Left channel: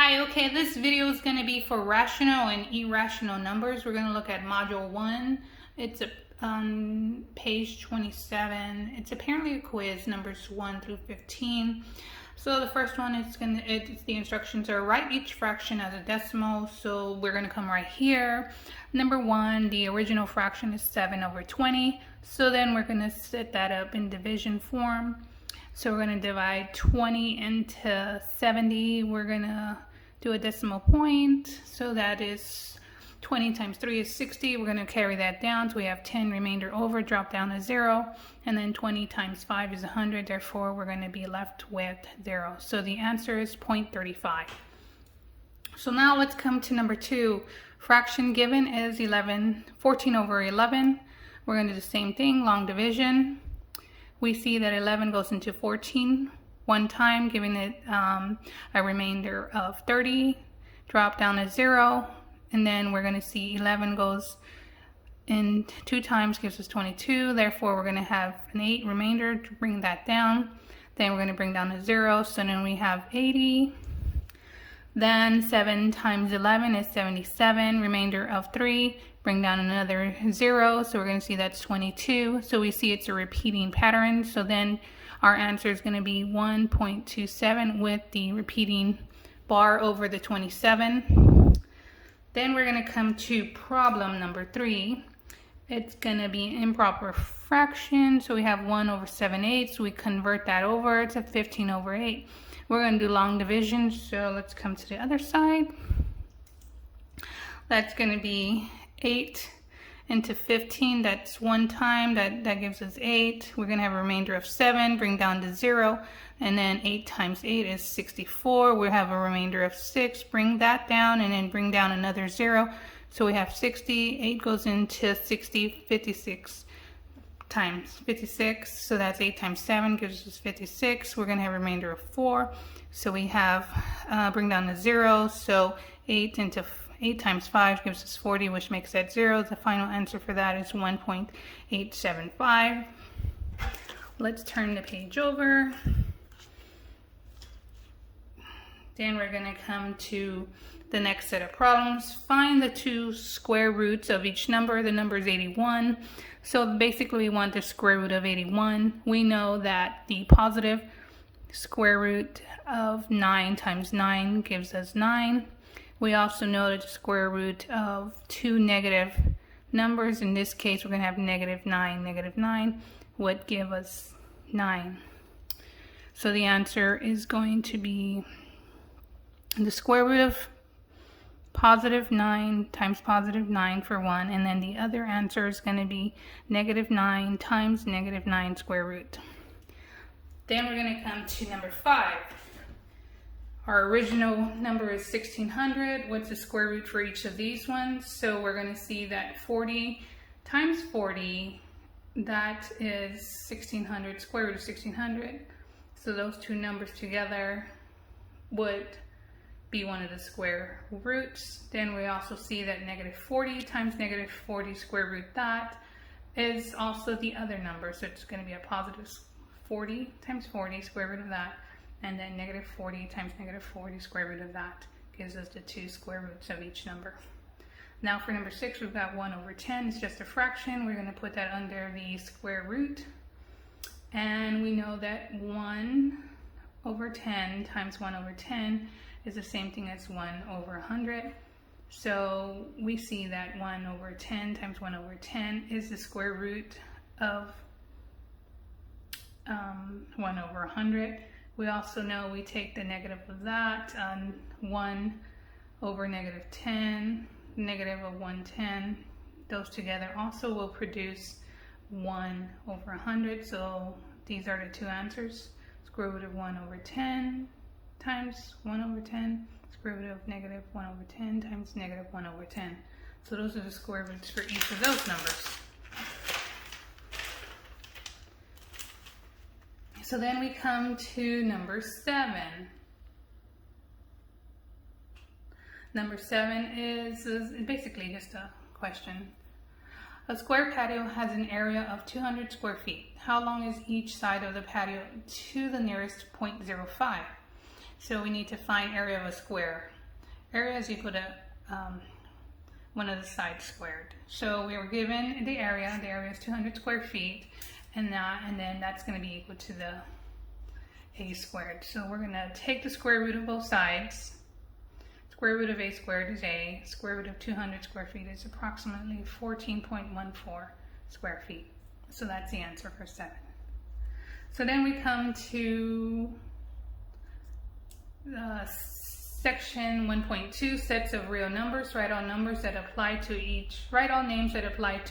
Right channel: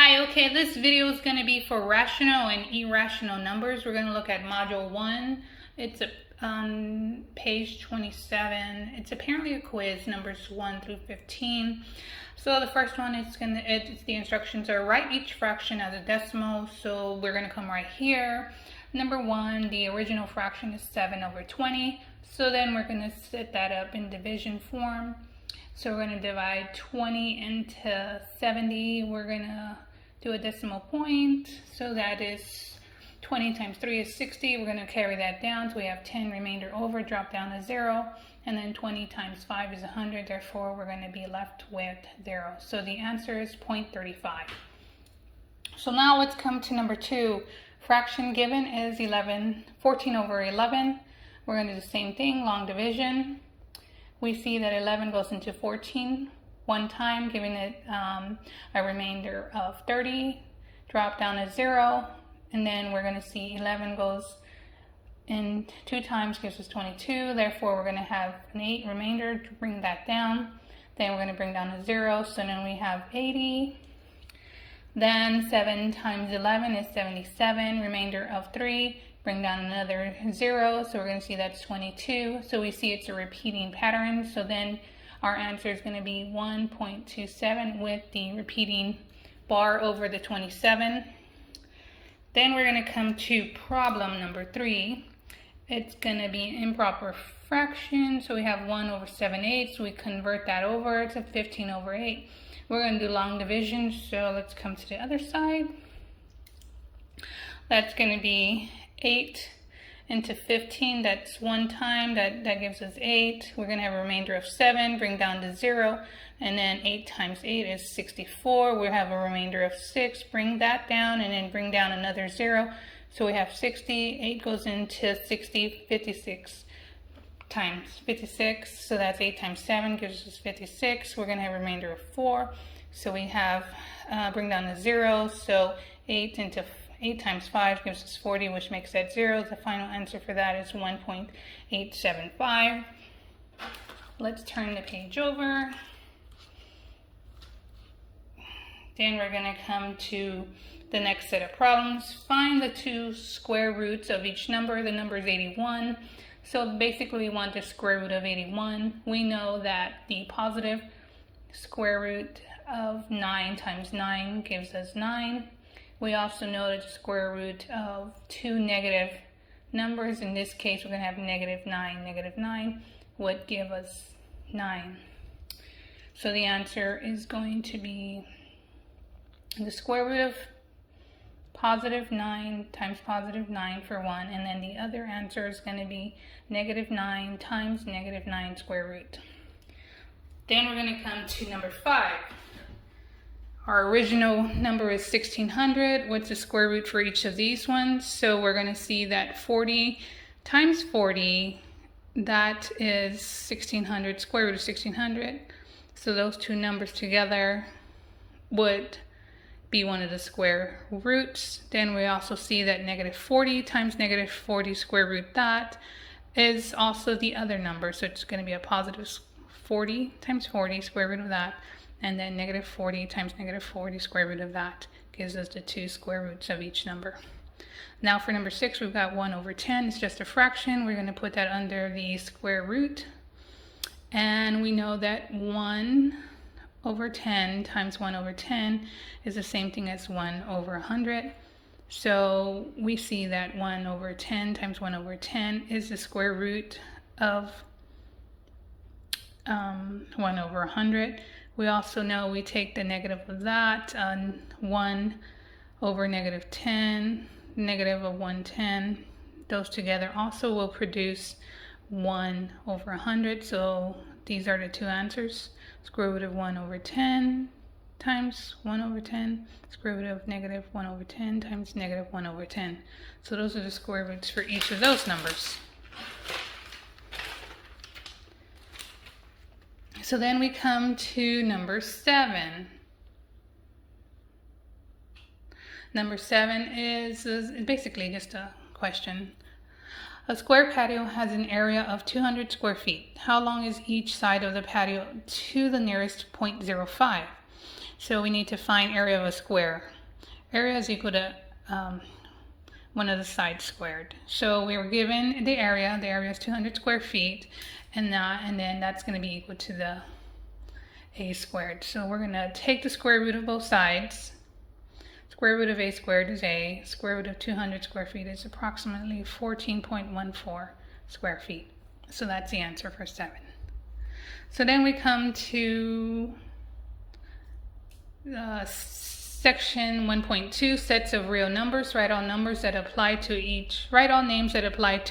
Hi, okay, this video is going to be for rational and irrational numbers. We're going to look at module 1. It's on page 27. It's apparently a quiz, numbers 1 through 15. So the first one is the instructions are write each fraction as a decimal. So we're going to come right here. Number 1, the original fraction is 7/20. So then we're going to set that up in division form. So we're going to divide 20 into 70. We're going to do a decimal point. So that is 20 times 3 is 60. We're going to carry that down. So we have 10 remainder over, drop down to 0. And then 20 times 5 is 100. Therefore, we're going to be left with 0. So the answer is 0.35. So now let's come to number 2. Fraction given is 14/11. We're going to do the same thing, long division. We see that 11 goes into 14 one time, giving it a remainder of 30. Drop down to 0. And then we're going to see 11 goes in 2 times, gives us 22. Therefore, we're going to have an 8 remainder to bring that down. Then we're going to bring down to 0. So then we have 80. Then 7 times 11 is 77. Remainder of 3. Bring down another 0, so we're going to see that's 22. So we see it's a repeating pattern. So then our answer is going to be 1.27 with the repeating bar over the 27. Then we're going to come to problem number 3. It's going to be improper fraction. So we have 1/7/8. So we convert that over to 15/8. We're going to do long division. So let's come to the other side. That's going to be 8 into 15, that's 1 time, that gives us 8. We're going to have a remainder of 7, bring down to 0, and then 8 times 8 is 64. We have a remainder of 6, bring that down, and then bring down another 0. So we have 60, 8 goes into 60, 56 times 56, so that's 8 times 7 gives us 56. We're going to have a remainder of 4, so we have, bring down to 0, so 8 times 5 gives us 40, which makes that 0. The final answer for that is 1.875. Let's turn the page over. Then we're going to come to the next set of problems. Find the 2 square roots of each number. The number is 81. So basically we want the square root of 81. We know that the positive square root of 9 times 9 gives us 9. We also know that the square root of 2 negative numbers, in this case we're going to have -9, -9, would give us 9. So the answer is going to be the square root of positive 9 times positive 9 for 1, and then the other answer is going to be -9 times -9 square root. Then we're going to come to number 5. Our original number is 1600. What's the square root for each of these ones? So we're going to see that 40 times 40, that is 1600, square root of 1600. So those two numbers together would be one of the square roots. Then we also see that -40 times -40 square root, that is also the other number. So it's going to be a positive 40 times 40 square root of that. And then -40 times -40 square root of that gives us the 2 square roots of each number. Now for number 6, we've got 1/10. It's just a fraction. We're going to put that under the square root. And we know that 1/10 times 1/10 is the same thing as 1/100. So we see that 1/10 times 1/10 is the square root of 1/100. We also know we take the negative of that, 1/-10, negative of 1/10. Those together also will produce 1/100. So these are the two answers. Square root of 1/10 times 1/10. Square root of -1/10 times -1/10. So those are the square roots for each of those numbers. So then we come to number 7. Number 7 is basically just a question. A square patio has an area of 200 square feet. How long is each side of the patio to the nearest 0.05? So we need to find area of a square. Area is equal to one of the sides squared. So we were given the area is 200 square feet, and then that's going to be equal to the a squared. So we're going to take the square root of both sides. Square root of a squared is a. Square root of 200 square feet is approximately 14.14 square feet. So that's the answer for 7. So then we come to section 1.2, sets of real numbers. Write all names that apply to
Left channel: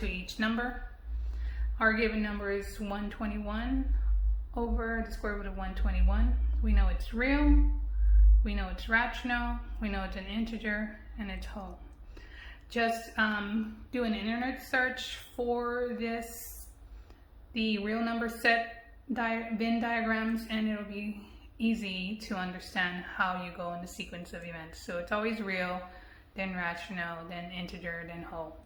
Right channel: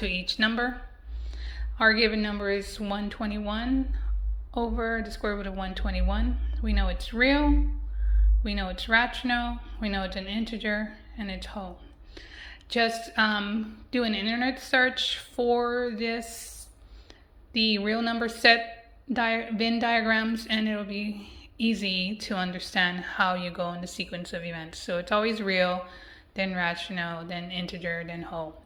each number. Our given number is 121 over the square root of 121. We know it's real, we know it's rational, we know it's an integer, and it's whole. Just do an internet search for the real number set Venn diagrams, and it'll be easy to understand how you go in the sequence of events. So it's always real, then rational, then integer, then whole.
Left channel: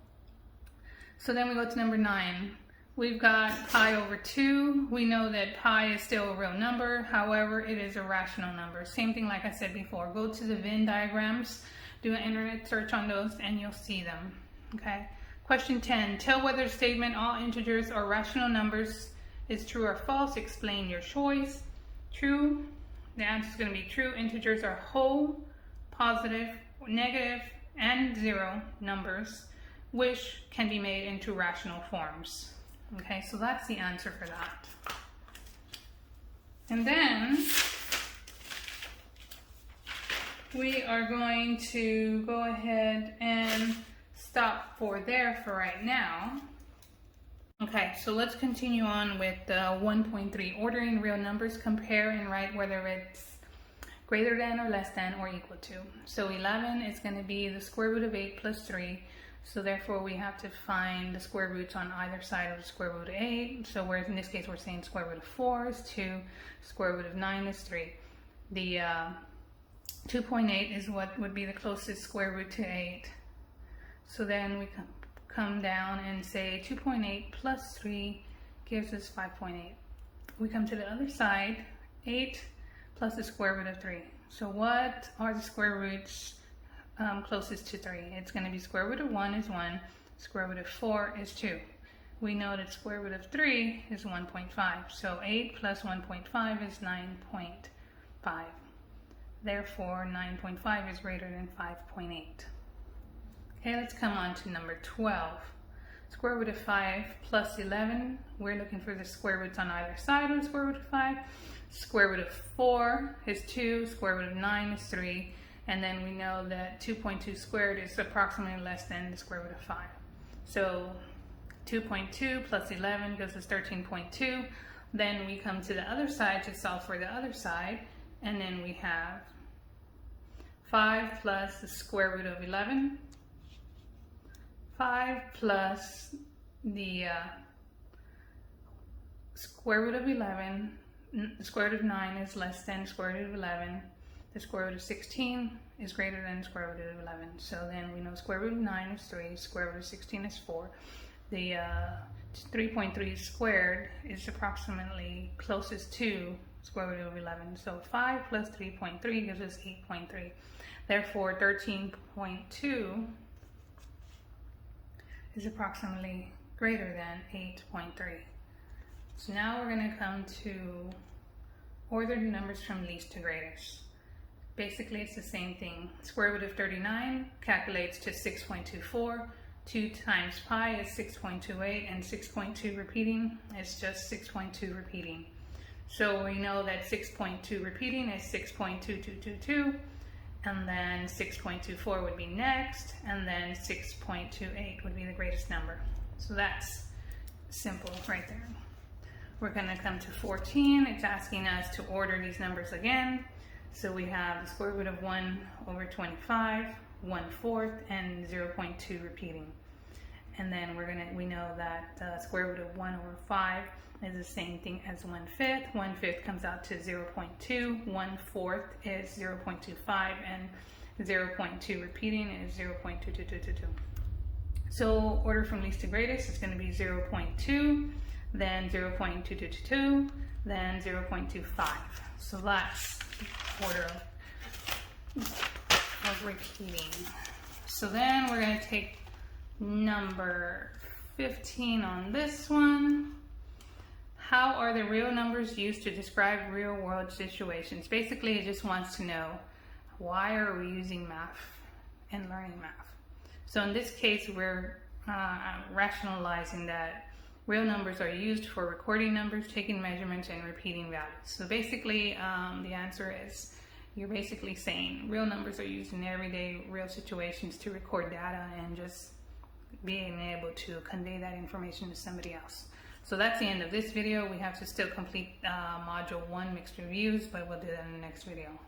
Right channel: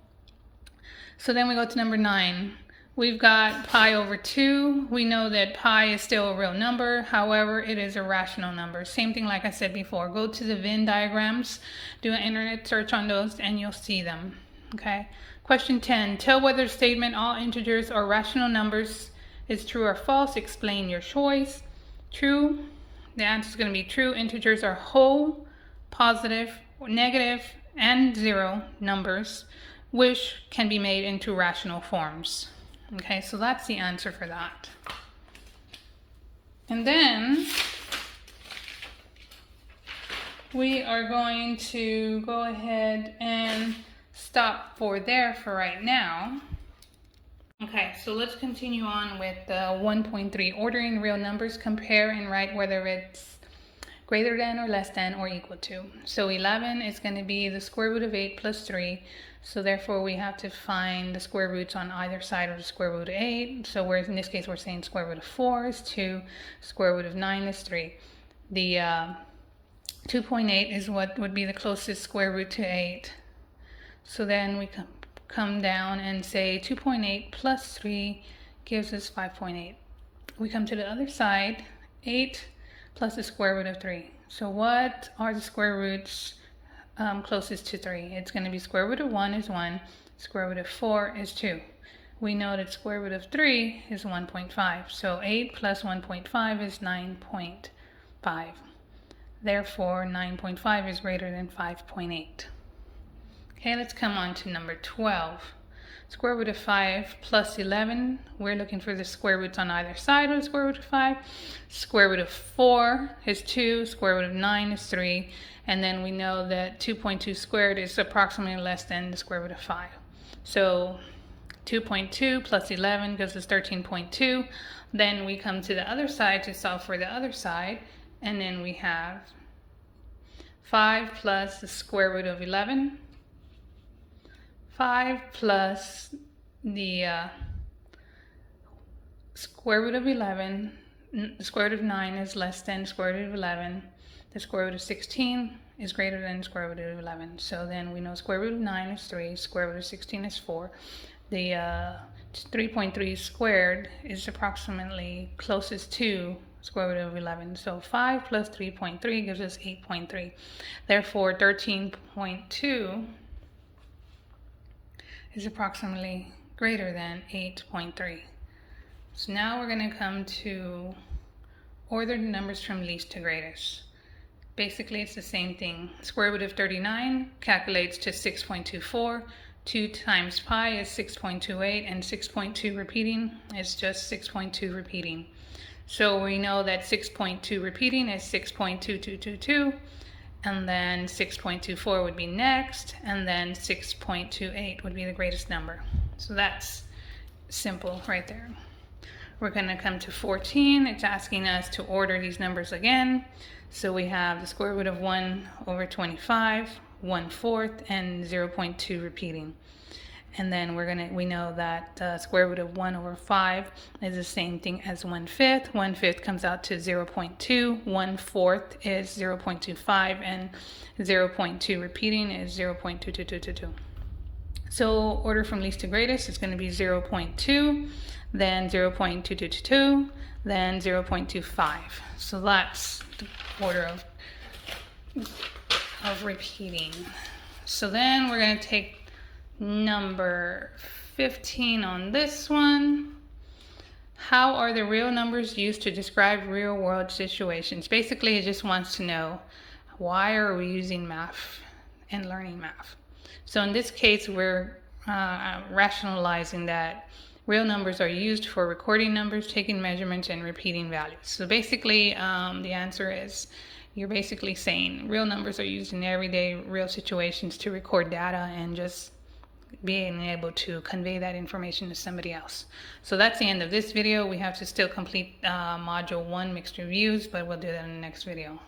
So then we go to number 9. We've got pi over 2. We know that pi is still a real number. However, it is a rational number. Same thing like I said before. Go to the Venn diagrams, do an internet search on those, and you'll see them. Okay. Question 10. Tell whether the statement all integers are rational numbers is true or false. Explain your choice. True. The answer is going to be true. Integers are whole, positive, negative, and 0 numbers, which can be made into rational forms. Okay, so that's the answer for that. And then we are going to go ahead and stop for right now. Okay, so let's continue on with 1.3, ordering real numbers. Compare and write whether it's greater than or less than or equal to. So 11 is going to be the square root of 8 plus 3. So therefore we have to find the square roots on either side of the square root of 8. So in this case we're saying square root of 4 is 2, square root of 9 is 3. The 2.8 is what would be the closest square root to 8. So then we come down and say 2.8 plus 3 gives us 5.8. We come to the other side, 8 plus the square root of 3. So what are the square roots closest to 3? It's going to be square root of 1 is 1, square root of 4 is 2. We know that square root of 3 is 1.5. So 8 plus 1.5 is 9.5. Therefore, 9.5 is greater than 5.8. Okay, let's come on to number 12. Square root of 5 plus 11. We're looking for the square roots on either side of the square root of 5. Square root of 4 is 2. Square root of 9 is 3. And then we know that 2.2 squared is approximately less than the square root of 5. So 2.2 plus 11 gives us 13.2. Then we come to the other side to solve for the other side. And then we have 5 plus the square root of 11. 5 plus the square root of 11. The square root of 9 is less than the square root of 11. The square root of 16 is greater than the square root of 11. So then we know square root of 9 is 3, square root of 16 is 4. The 3.3 squared is approximately closest to square root of 11. So 5 plus 3.3 gives us 8.3. Therefore, 13.2 is approximately greater than 8.3. So now we're going to come to order the numbers from least to greatest. Basically, it's the same thing. Square root of 39 calculates to 6.24. 2 times pi is 6.28, and 6.2 repeating is just 6.2 repeating. So we know that 6.2 repeating is 6.2222, and then 6.24 would be next, and then 6.28 would be the greatest number. So that's simple right there. We're going to come to 14. It's asking us to order these numbers again. So we have the square root of 1 over 25, 1/4, and 0.2 repeating. And then we know that the square root of 1 over 5 is the same thing as 1/5. 1/5 comes out to 0.2. 1/4 is 0.25, and 0.2 repeating is 0.2222. So order from least to greatest is going to be 0.2, then 0.2222, then 0.25. So that's the order of of repeating. So then we're going to take number 15 on this one. How are the real numbers used to describe real world situations? Basically, it just wants to know, why are we using math and learning math? So in this case, we're rationalizing that real numbers are used for recording numbers, taking measurements, and repeating values. So basically, the answer is, you're basically saying real numbers are used in everyday real situations to record data and just being able to convey that information to somebody else. So that's the end of this video. We have to still complete module 1, mixed reviews, but we'll do that in the next video.